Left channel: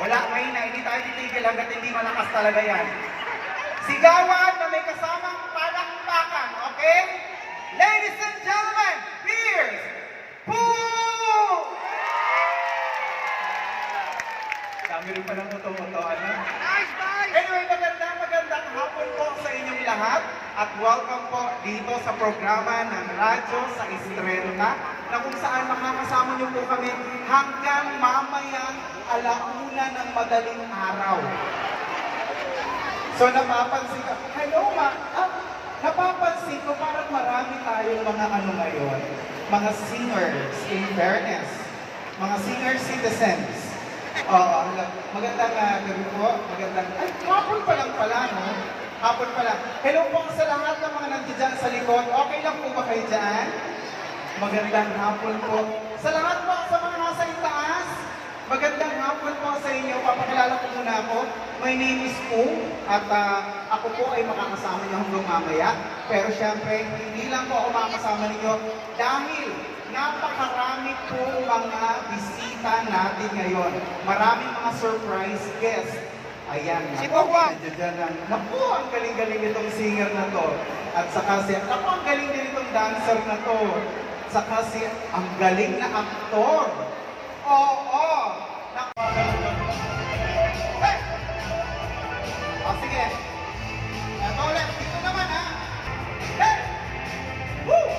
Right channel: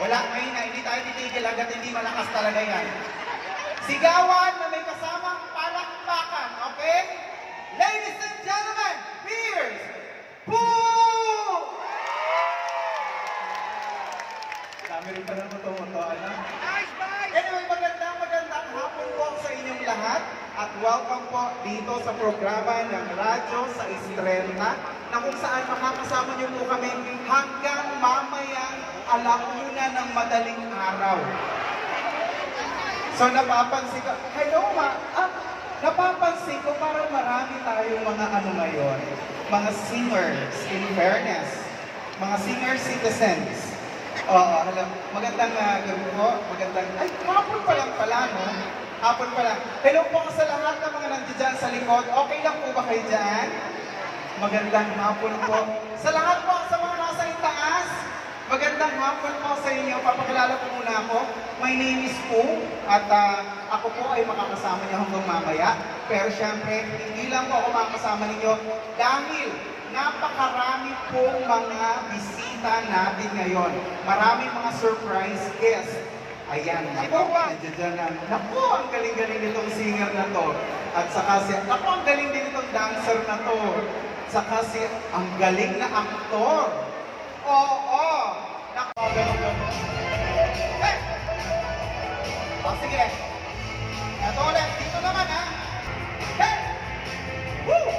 Wala ngayon na, hindi tayo titigil hanggat hindi malakas talaga yan. Sigawan na may kasamang palakpakan, okay? Ladies and gentlemen, here's Poo! Dami rin pa ng totoo-totoo, ano? Anyway, magandang hapon po sa inyong lahat at welcome po dito sa programa ng Radyo sa Estrella na kung saan makakasama niyo po kami hanggang mamayang alauna ng madaling araw. So napapansin ko, hello napapansin ko parang marami tayong mga ano ngayon, mga singers, in fairness, mga senior citizens. Magandang gabi po, hapon pa lang pala, no? Hapon pa lang. Hello po sa lahat ng mga nandiyan sa likod. Okay lang po ba kayo dyan? Magandang hapon po. Sa lahat po sa mga nasa itaas, magandang hapon po sa inyo. Papakilala po muna ako. My name is Poo at ako po ay makakasama niyo hanggang mamaya. Pero syempre, hindi lang po ako makakasama ninyo dahil napakarami po mga bisita natin ngayon. Maraming mga surprise guests. Ayan, nandiyan na. Naku, ang galing-galing nitong singer na to. At saka naku, ang galing din itong dancer na to. Saka ang galing na aktor. Oo. Naku, hey! O, sige. Ito ulit. Dito naman, ha? Hey! Woo!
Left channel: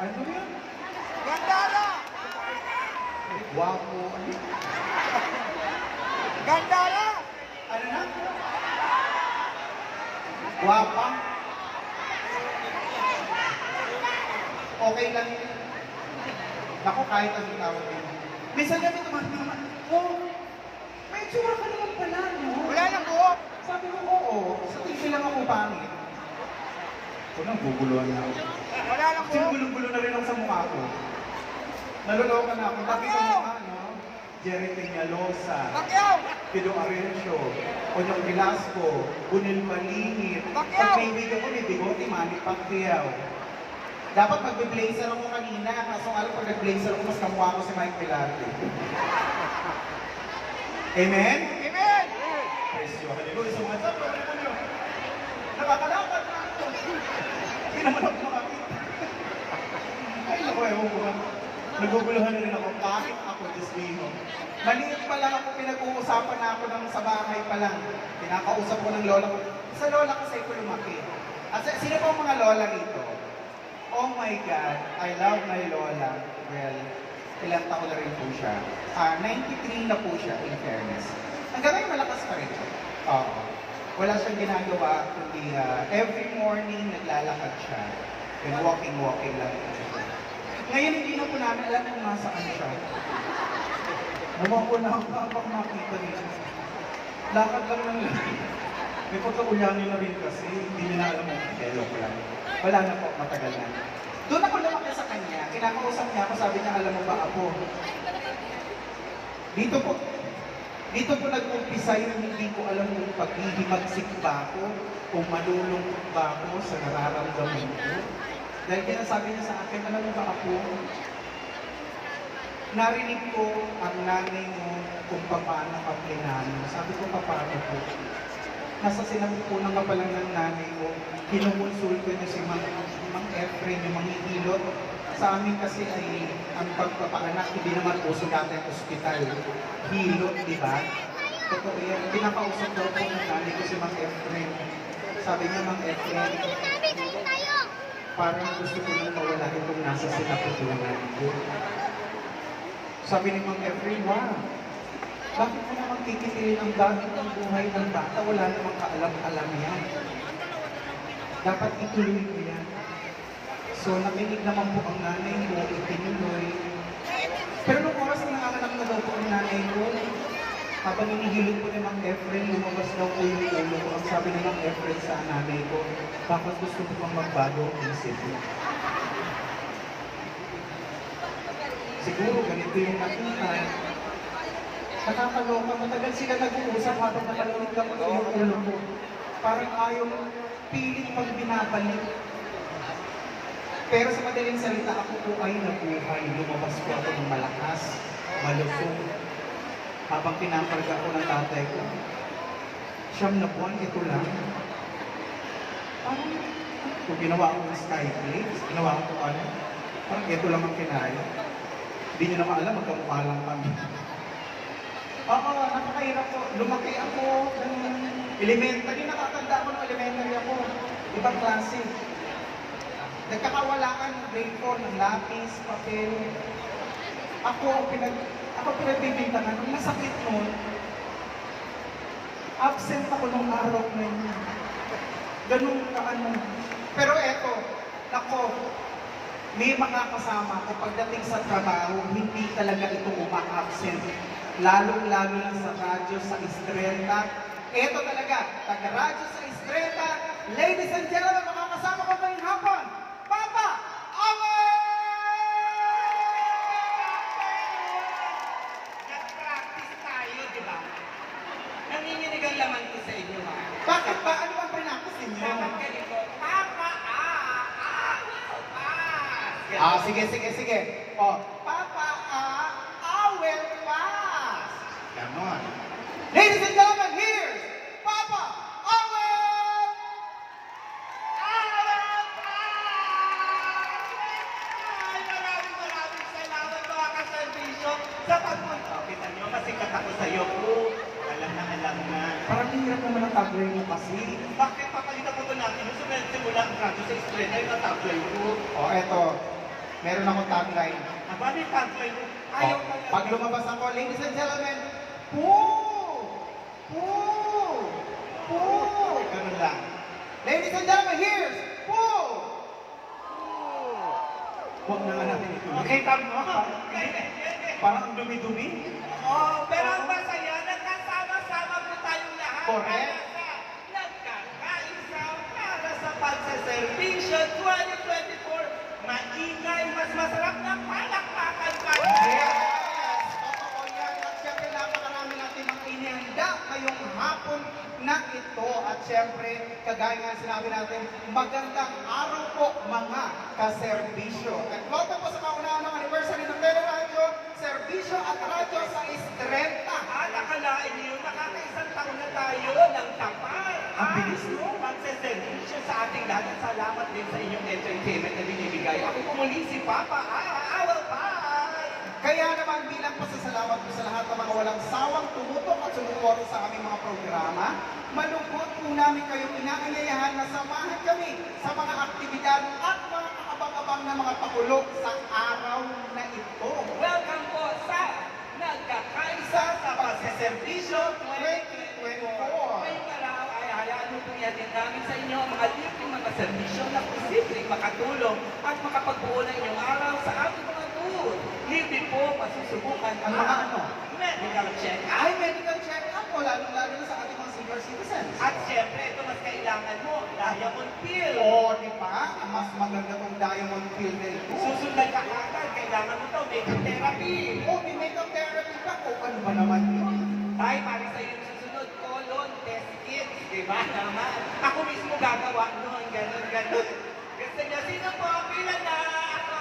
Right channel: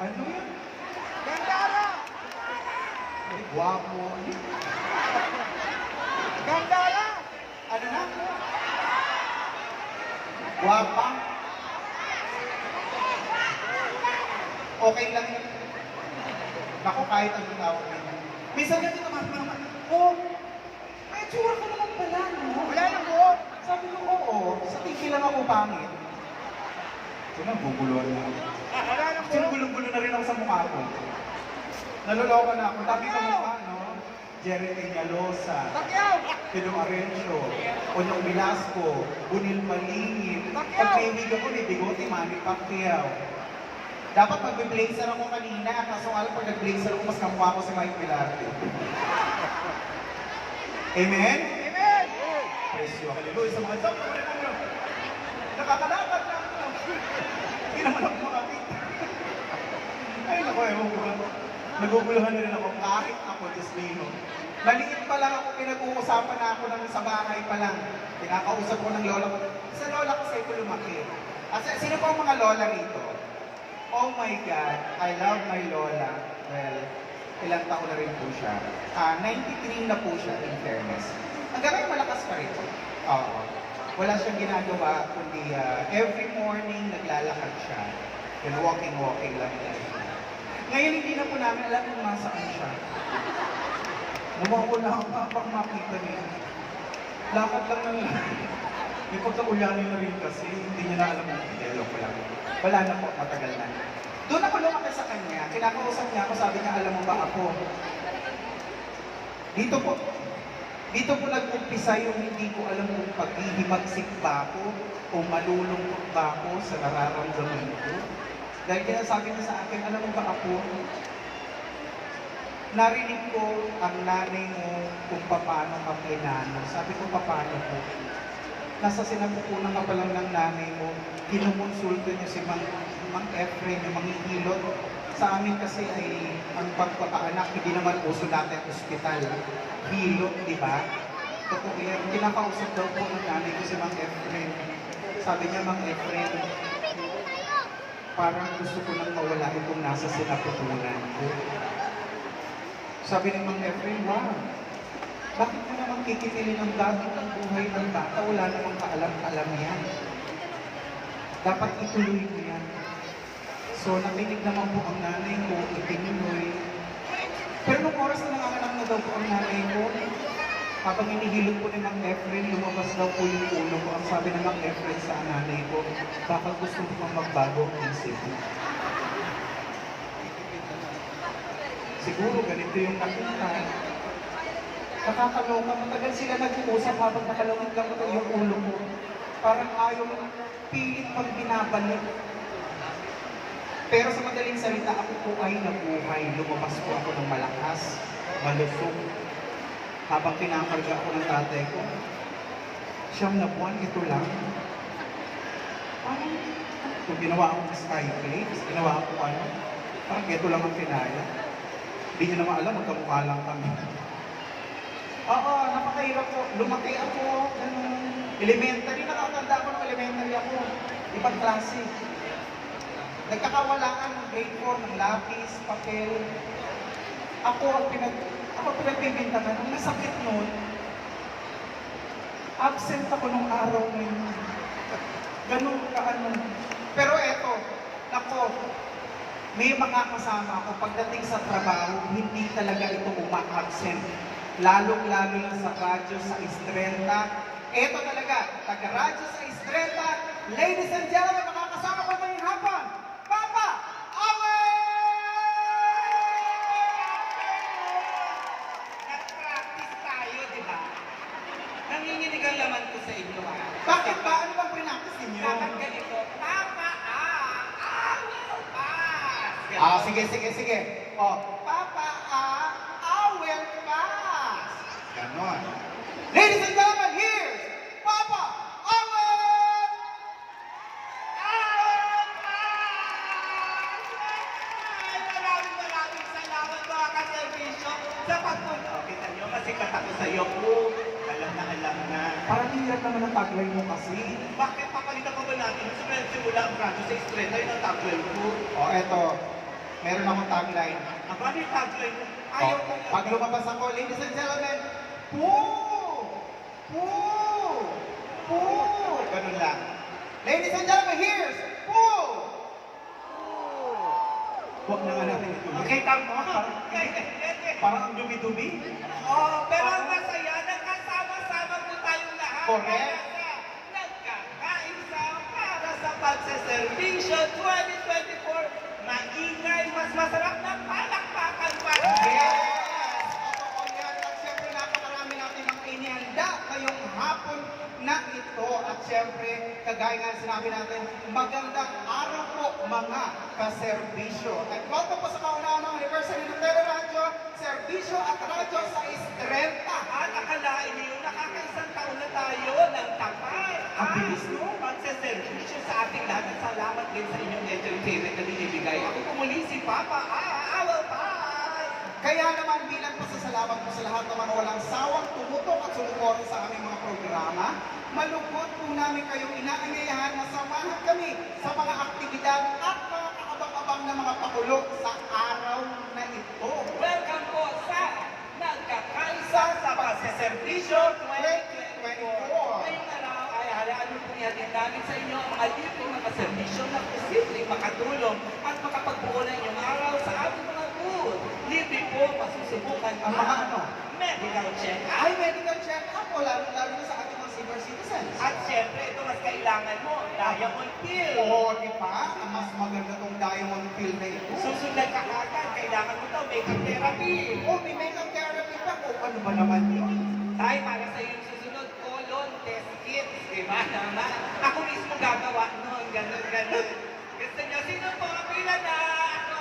Ano yan? Gandara! Guwapo. Gandara! Ano na? Guwapa? Okay lang. Naku, kahit anong tawag yun. Minsan natin naman, oh, may tsura ka naman pala, no? Wala lang buhok! Sabi mo, oo. Sa tingin lang ako pangit. Ito na, bubuluhan na ako. Wala lang Actually, buhok! gulong-gulo na rin ako sa mukha ko. Naloloka na ako. Dati sa mukha, no? Jerry Peñalosa, Takyaw! Tilo Arencio, Onyong Velasco, Bunil Malingit. Pag kaibigan ko ni Bigote, Manny Pacquiao. Dapat mag-blazer ako kanina, kaso alam pag nag-blazer ako, mas kamukha ko si Mike Pilate. Amen? Amen! Presyo, hallelujah sa mga job. Nakakalapat na ako. Hindi naman ako makapit. Ay, naku, ewan ko na. Naguguluhan na rin ako. Bakit ako, Diyos mo? Maliit pa lang ako, pinag-uusapan na ako ng sa bahay pa lang. Pinakausap ko ng lola ko. Sa lola ko sa ito lumaki. At sino po ang mga lola rito? Oh my God, I love my lola. Well, ilang taon na rin po siya. 93 na po siya, in fairness. Hanggang malakas pa rin. Oo. Wala siyang ginagawa, kundi every morning naglalakad siya. Then walking lang. Ngayon hindi na po namin alam kung nasaan siya. Bumawa na ang kapak makita niya. Lakad lang ng may pagkakulangan na rin kasi hindi niya na alam mo. Joke lang. Wala na po, matagal na. Doon ako lumaki sa kanya. Kinakausap niya ako, sabi niya, alam mo ba ako? Dito po nag-umpisa yung hindi ko alam kung paghihimagsik ba ako o malulungkot ba ako sa nararamdaman ko. Dahil kaya sabi niya sa akin, alam mo ba ako? Narinig ko ang nanay mo kung paano ka plinano. Sabi ko, paano po? Nasa sinapupunan ka pa lang ng nanay mo, kinukonsulta niyo si Mang Efren, yung manghihilot. Sa amin kasi ay ang pagpapaanak, hindi naman uso dati ang ospital. Hilot, di ba? Totoo yan. Pinakausap daw po ng nanay ko si Mang Efren. Sabi niya, Mang Efren, parang gusto ko nang mawala itong nasa sinapupunan ko. Sabi ni Mang Efren, wow, bakit mo naman kikitilin ang gamit ng buhay ng bata? Wala namang kaalam-alam yan. Dapat ituloy mo yan. So, nakinig naman po ang nanay ko, itinuloy. Pero nung oras na nanganganak na daw po ang nanay ko, Habang hinihilot ko ni Mang Efren, lumabas daw po yung ulo ko. Ang sabi ng Mang Efren sa nanay ko, bakit gusto mo pang magbago ang isip mo? Siguro ganito yung nakita. Nakakaloka, matagal sila nag-uusap habang nakalawit lang ko yung ulo ko. Parang ayaw pilit pag binabalik. Pero sa madaling salita, ako po ay nabuhay. Lumabas po ako ng malakas, malusog. Habang kinakarga ako ng tatay ko, 9 na buwan, ito lang. Parang, kung ginawa ako ng skyflakes, ginawa ako ano, parang ito lang ang kinaya. Hindi nyo naman alam, magkamukha lang kami. Oo, napakahirap po. Lumaki ako, ganun. Elementary, nakatanda ako ng elementary ako. Ibang klase. Nagkakawalaan ng grade 4 ng lapis, papel. Ako pinagbibintangan. Nung nasakit noon, absent ako nung araw na yun. Ganun ka ano. Pero eto, nako, may mga kasama ko pagdating sa trabaho, hindi talaga ito uma-absent. Lalong-lalo lang sa radyo sa Estrella. Eto talaga, taga-radyo sa Estrella. Ladies and gentlemen, makakasama ko ngayong hapon, Papa Awel! Nag-practice tayo, di ba? Nanginginig ang laman ko sa inyo, ha? Bakit ba? Ano bang pinakis ninyo? Dapat ganito, Papa, Sige. O, Papa Awel Pass! Ganon. Ladies and gentlemen, here's Papa Awel! Ay, maraming salamat mga kaservisyo sa pagpunta. Kita nyo, masikat ako sa iyo. Alam na. Parang hirap naman ang tagline mo kasi. Bakit papalitan ko ba natin? Nung simula ang radyo sa Estrella, yung tagline ko. O, eto. Meron akong tagline. Ang bali tagline ko. O, Ayaw ko yan. pag lumabas ako, ladies and gentlemen, Poo! Ganun lang. Ladies and gentlemen, here's Poo! Huwag na nga natin ito. Okay, tama. Parang ang dumi-dumi. Pero ang masaya, nagkasama-sama po tayong lahat. Correct. Nagkakaisa para sa pagsiservisyo 2024. Maingay, mas masarap na palakpakan para Yes! Totoo yan. At syempre, napakarami natin ang inihanda ngayong hapon na ito. At syempre, kagaya nga sinabi natin, magandang araw po mga kaserbisyo. At welcome po sa kauna-unang anniversary ng Teleradyo, Serbisyo at Radyo sa Estrella. At akalain niyo, nakakaisang taon na tayo ng tapat. Ang bilis, no? Pagsiservisyo sa ating lahat. At salamat din sa inyong entertainment na binibigay. Ako po muli si Papa Awel Paz. Kaya naman bilang pasasalamat po sa lahat ng mga walang sawang tumutok at sumuporta sa aming mga programa, malugod po namin kayong inaanyayahan na samahan kami sa mga aktibidad at mga kakabang-abang na mga pakulo sa araw na ito. Welcome po sa Nagkakaisa sa Pagsiservisyo 2024. 2024. Ngayong araw ay hayaan mo pong ihatid namin sa inyo ang mga libreng mga servisyo na posibleng makatulong at makapagbuo ng inyong araw sa aming mga booth. Libre po masusubukan Ang mga ano? medical check-up. Ay, medical check-up po, lalo-lalo na sa ating mga senior citizens. At syempre, ito mas kailangan mo, diamond pill. Oo, di ba? Ang mas maganda tong diamond pill na ito. Susunod ka agad, kailangan mo to makeup therapy. Oh, may makeup therapy pa. O, ano ba naman yun? Tayo para sa iyo susunod, colon test kits, di ba? Ako mismo gagawa noon, ganun. Gusto niya, sino po? Pila na ako.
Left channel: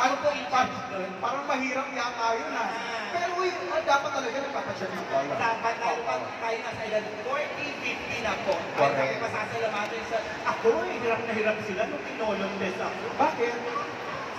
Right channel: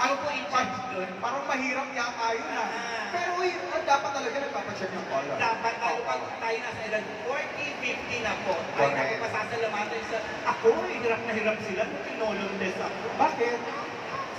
Ako po in charge doon. Parang mahirap yata yun ha. Pero uy, dapat talaga nagpapacheck yung color. Dapat lalo pag tayo nasa edad 40, 50 na po. Ay, Correct. natin pasasalamatan sa, ako, hirap na hirap sila nung kinolon test ako. Bakit?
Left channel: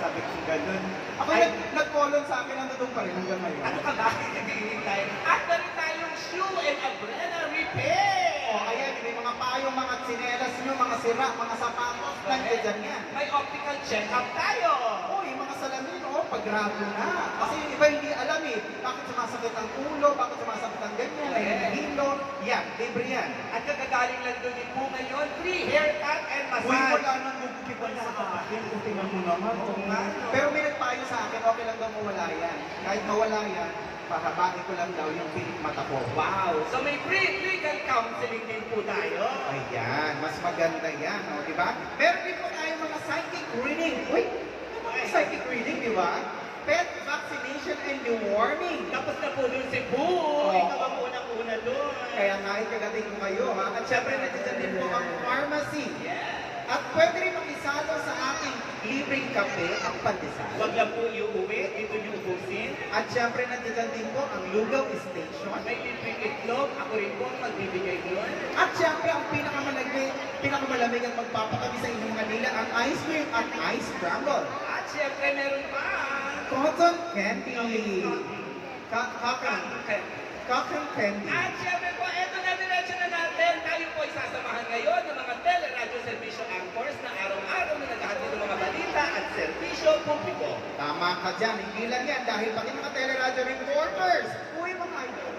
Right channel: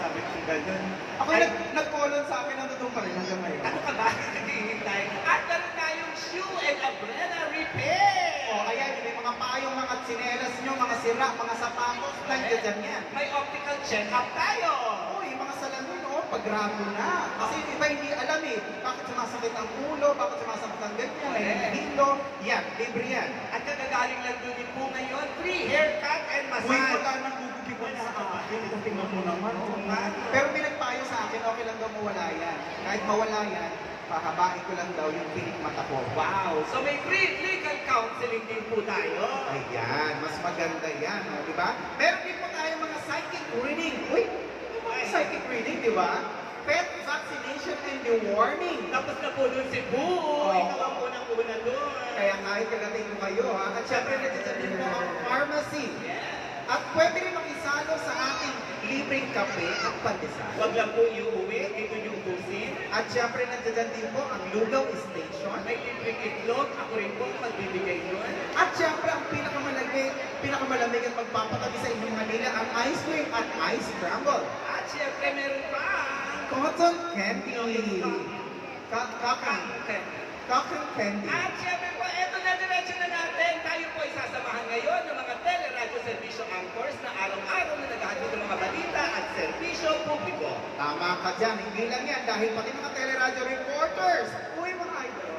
Sabi ko ganun. Ako nag-colon sa akin, nandun pa rin hanggang ngayon. Ano ka ba? Naghihiling tayo. At meron tayong shoe and umbrella repair. O, ayan, may mga payong, mga tsinelas nyo, mga sira, mga sapatos, nandiyan yan. May optical check-up tayo. Oh, yung mga salamin, oh, pagrato na. Kasi yung iba hindi alam eh, bakit sumasakit ang ulo, bakit sumasakit ang dito, may hilo. Yan, libre yan. At nagagaling lang doon din po ngayon, free haircut and Uy, massage. wala nang gugupitan sa akin. Tingnan mo naman. Pero may nagpayo sa akin, okay lang daw mawala yan. Kahit mawala yan, pahabain ko lang daw yung pilik mata ko. Wow! So may free legal counseling din po tayo. Ayan, mas maganda yan, no, di ba? Meron din po tayo mga psychic reading. Uy, ano mga psychic reading, di ba? Pet vaccination and deworming. Tapos na po dun si Boo. Ikaw ang unang-una dun. Kaya nga ipagating ko kayo, ha? At syempre, nandiyan din po ang pharmacy. At pwede rin makisalo sa ating libreng kape at pandesal. Huwag lang po iuwi, dito yung ubusin. At syempre, nandiyan din po ang Lugaw Station. May libreng itlog, ako rin po ang nagbibigay doon. At syempre, ang pinakamalamig at magpapatabi sa inyong Manila, ang ice cream at ice scramble. At syempre meron pa. Cotton candy. Okay. Cotton candy. At syempre po, eto na diretso na natin. Tayo po ay sasamahan ngayon ng mga teleradyo servisyo anchors na araw-araw na naghahatid ng mga balita at servisyo publiko. Tama ka dyan. Hindi lang yan dahil pati mga teleradyo reporters. Uy, mga idol.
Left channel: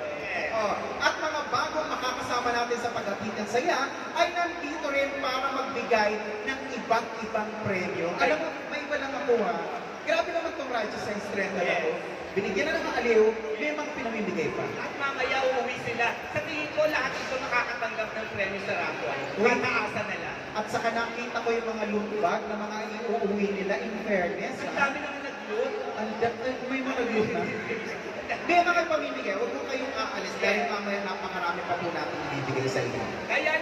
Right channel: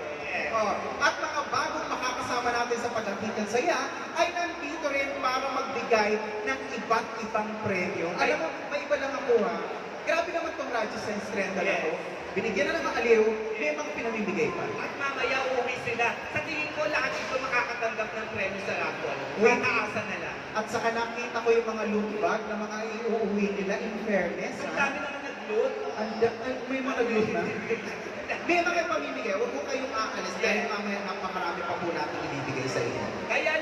Oh, at mga bagong makakasama natin sa paghatid ng saya ay nandito rin para magbigay ng iba't ibang premyo. Alam mo, may iba lang ako ha. Grabe naman itong Radyo Sense Trend na ito. Binigyan na ng aliw, may mga pinamimigay pa. At mamaya uuwi sila. Sa tingin ko, lahat ito makakatanggap ng premyo sa raffle. Uy. May maasa nila. At saka nakita ko yung mga loot bag na mga iuuwi nila in fairness. Ang Ha? dami naman nag-look. May mga nag-loot na. May mga pamimigay, huwag mo kayong aalis dahil mamaya napakarami pa po natin ibibigay sa inyo. Kaya